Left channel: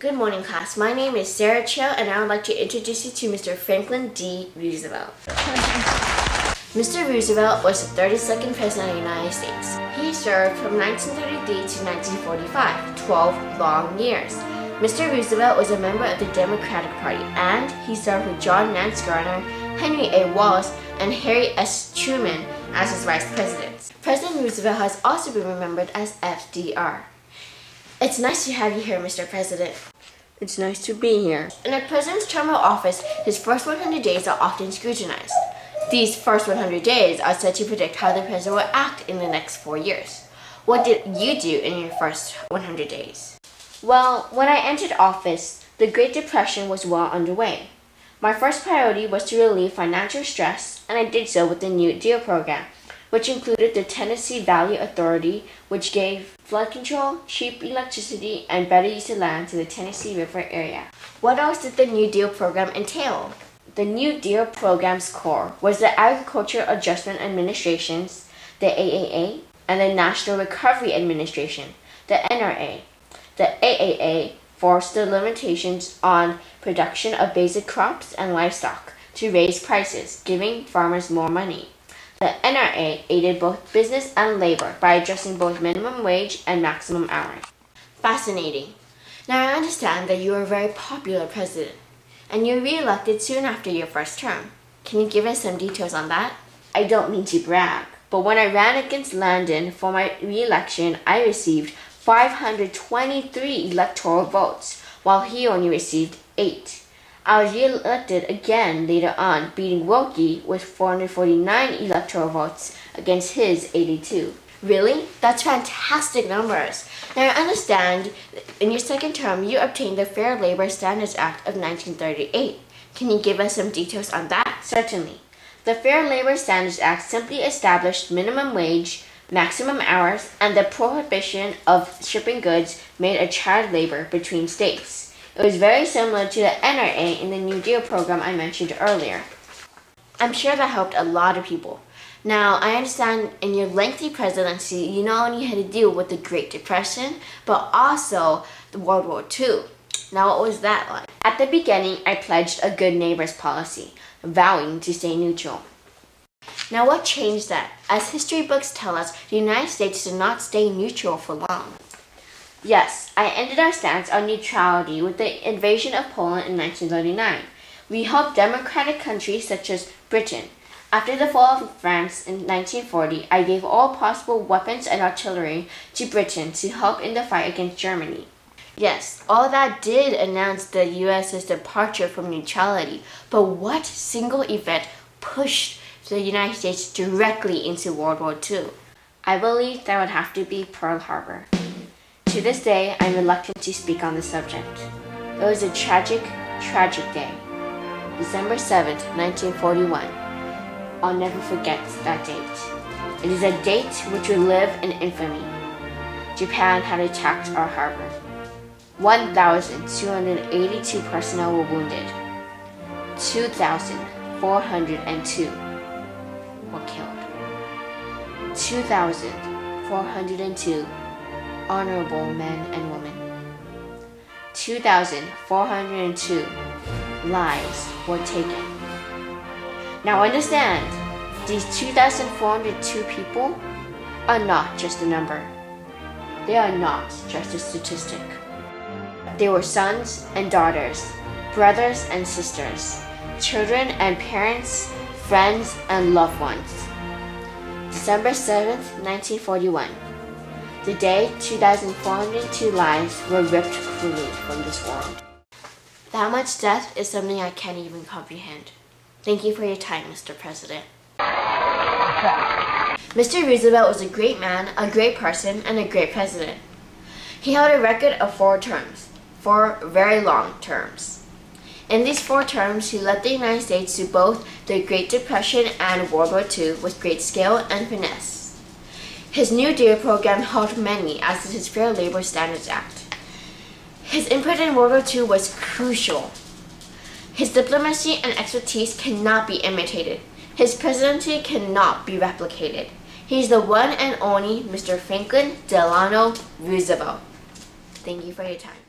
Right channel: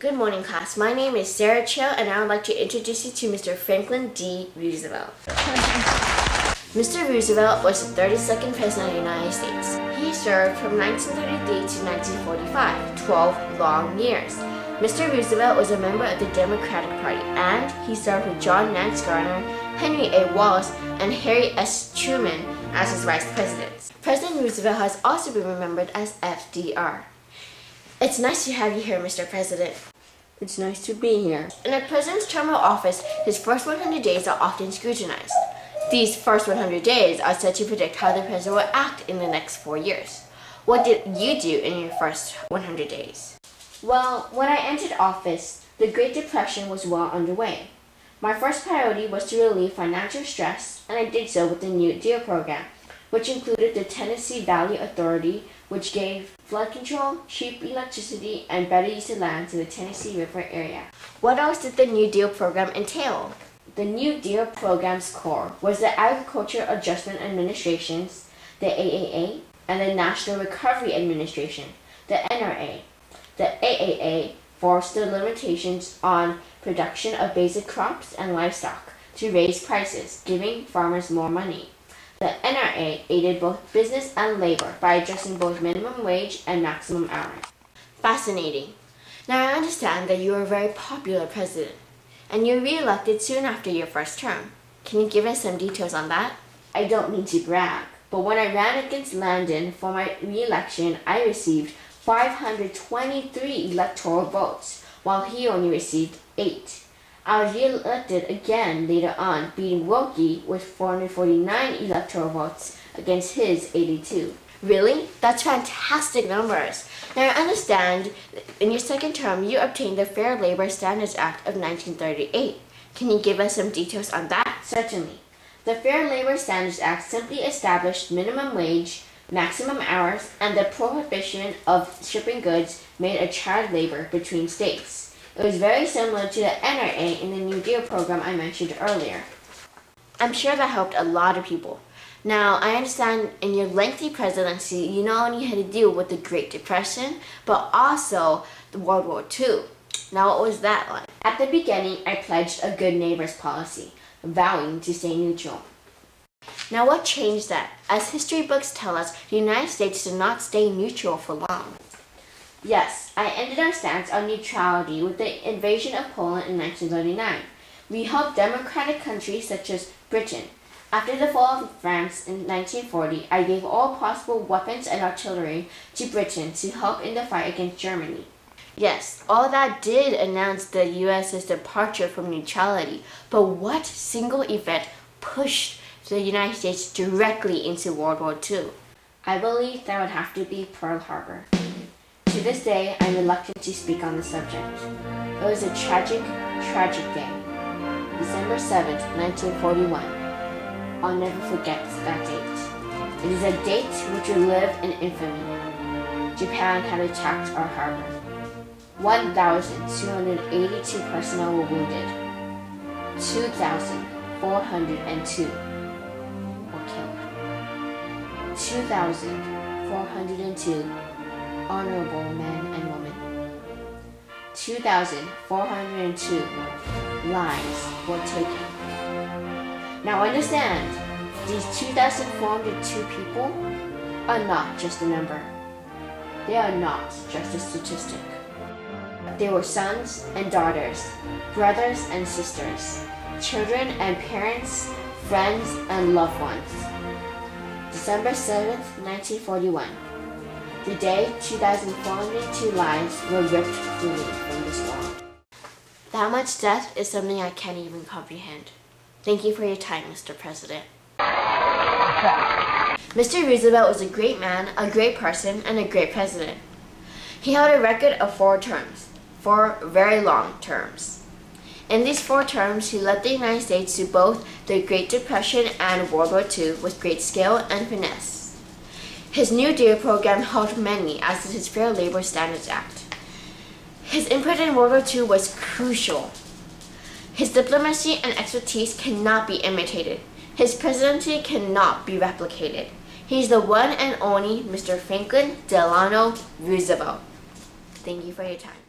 Good morning, class. My name is Sarah Cho, and I would like to introduce you to Mr. Franklin D. Roosevelt. Mr. Roosevelt was the 32nd President of the United States. He served from 1933 to 1945, 12 long years. Mr. Roosevelt was a member of the Democratic Party, and he served with John Nance Garner, Henry A. Wallace, and Harry S. Truman as his vice presidents. President Roosevelt has also been remembered as FDR. It's nice to have you here, Mr. President. It's nice to be here. In a president's term of office, his first 100 days are often scrutinized. These first 100 days are said to predict how the president will act in the next 4 years. What did you do in your first 100 days? Well, when I entered office, the Great Depression was well underway. My first priority was to relieve financial stress, and I did so with the New Deal program, which included the Tennessee Valley Authority, which gave flood control, cheap electricity, and better use of land to the Tennessee River area. What else did the New Deal program entail? The New Deal program's core was the Agriculture Adjustment Administrations, the AAA, and the National Recovery Administration, the NRA. The AAA forced the limitations on production of basic crops and livestock to raise prices, giving farmers more money. The NRA aided both business and labor by adjusting both minimum wage and maximum hours. Fascinating. Now I understand that you are a very popular president, and you were re-elected soon after your first term. Can you give us some details on that? I don't mean to brag, but when I ran against Landon for my re-election, I received 523 electoral votes, while he only received 8. I was re-elected again later on, beating Wilkie with 449 electoral votes against his 82. Really? That's fantastic numbers. Now I understand in your second term you obtained the Fair Labor Standards Act of 1938. Can you give us some details on that? Certainly. The Fair Labor Standards Act simply established minimum wage, maximum hours, and the prohibition of shipping goods made a child labor between states. It was very similar to the NRA in the New Deal program I mentioned earlier. I'm sure that helped a lot of people. Now, I understand in your lengthy presidency, you not only had to deal with the Great Depression, but also the World War II. Now, what was that like? At the beginning, I pledged a good neighbors policy, vowing to stay neutral. Now, what changed that? As history books tell us, the United States did not stay neutral for long. Yes, I ended our stance on neutrality with the invasion of Poland in 1939. We helped democratic countries such as Britain. After the fall of France in 1940, I gave all possible weapons and artillery to Britain to help in the fight against Germany. Yes, all that did announce the US's departure from neutrality, but what single event pushed the United States directly into World War II? I believe that would have to be Pearl Harbor. To this day, I'm reluctant to speak on the subject. It was a tragic, tragic day. December 7th, 1941. I'll never forget that date. It is a date which will live in infamy. Japan had attacked our harbor. 1,282 personnel were wounded. 2,402 were killed. 2,402 honorable men and women. 2,402 lives were taken. Now understand, these 2,402 people are not just a number. They are not just a statistic. They were sons and daughters, brothers and sisters, children and parents, friends and loved ones. December 7th, 1941. The day 2,402 lives were ripped cruelly from this world. That much death is something I can't even comprehend. Thank you for your time, Mr. President. Mr. Roosevelt was a great man, a great person, and a great president. He held a record of 4 terms, 4 very long terms. In these 4 terms, he led the United States through both the Great Depression and World War II with great skill and finesse. His New Deal program helped many, as did his Fair Labor Standards Act. His input in World War II was crucial. His diplomacy and expertise cannot be imitated. His presidency cannot be replicated. He's the one and only Mr. Franklin Delano Roosevelt. Thank you for your time.